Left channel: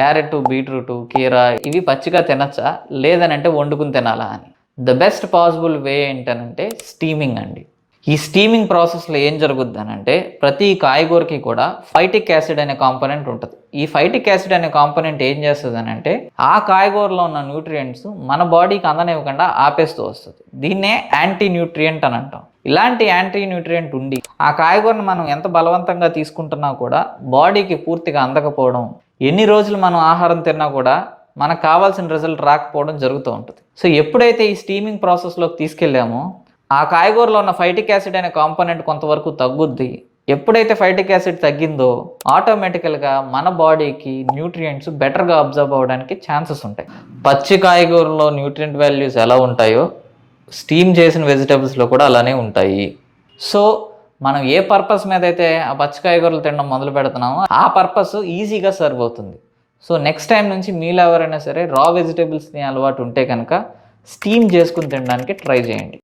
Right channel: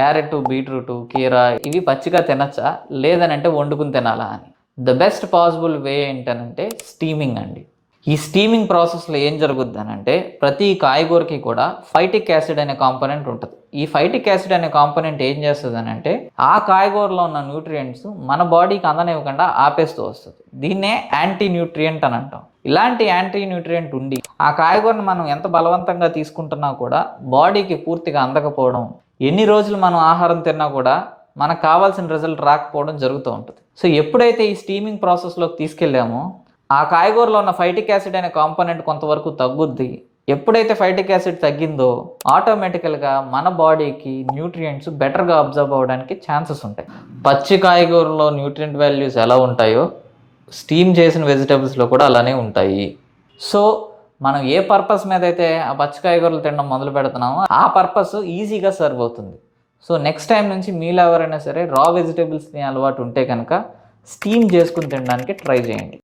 Carrot, beetroot, కీరా ఇవి పచ్చిగా తినచ్చా, లేదనంటే వండుకుని తినాలా అని. ద బెస్ట్ పాసిబుల్ వే ఏంటనంటే స్టీమింగ్ అండి. ఈ స్టీమింగ్ ప్రాసెస్లో ఏం జరుగుద్ది అనంటే ప్రతి కాయగూరకి కూడా ఫైటిక్ యాసిడ్ అనే కాంపోనెంట్ ఉంటుంది. ఈ ఫైటిక్ యాసిడ్ అనే కాంపోనెంట్ ఏం చేస్తుంది అనంటే ఆ కాయగూరలో ఉన్న న్యూట్రియంట్స్ మన బాడీకి అందనివ్వకుండా ఆపేస్తూ వస్తుంది. దీన్నే యాంటీ న్యూట్రియంట్ అని అంటాం. ఇలాంటి యాంటీ న్యూట్రియంట్ ఉండి ఆ కాయగూరను మనం ఎంత బలవంతంగా తీసుకుంటున్నా కూడా బాడీకి పూర్తిగా అందకపోవడం, ఎన్ని రోజులు మనం ఆహారం తిన్నా కూడా మనకు కావాల్సిన రిజల్ట్ రాకపోవడం జరుగుతూ ఉంటుంది. సో ఎప్పుడైతే ఈ స్టీమింగ్ ప్రాసెస్లోకి తీసుకెళ్ళామో ఆ కాయగూరలో ఉన్న ఫైటిక్ యాసిడ్ అనే కాంపోనెంట్ కొంతవరకు తగ్గుద్ది. ఎప్పుడైతే ఫైటిక్ యాసిడ్ తగ్గిందో ఆటోమేటికల్గా మన బాడీకి న్యూట్రియంట్స్ బెటర్గా అబ్జర్వ్ అవ్వడానికి ఛాన్సెస్ ఉంటాయి. పచ్చి కాయగూరలో న్యూట్రియంట్ వాల్యూస్ ఎలా ఉంటాయో స్టీమ్ చేసిన వెజిటబుల్స్లో కూడా అలానే ఉంటాయి. సో మనం ఏ పర్పస్ మీద అయితే ఆ పచ్చి కాయగూరలు తినడం మొదలు పెడుతున్నామో ఆ పర్పస్ ఈజీగా సర్వ్ అవుతుంది. సో నెక్స్ట్ టైం నుంచి మీలో ఎవరైనా సరే రా వెజిటబుల్స్ తినే అలవాటు ఉంటే కనుక స్టీమ్ చేసుకుని తినడానికి ట్రై చేయండి.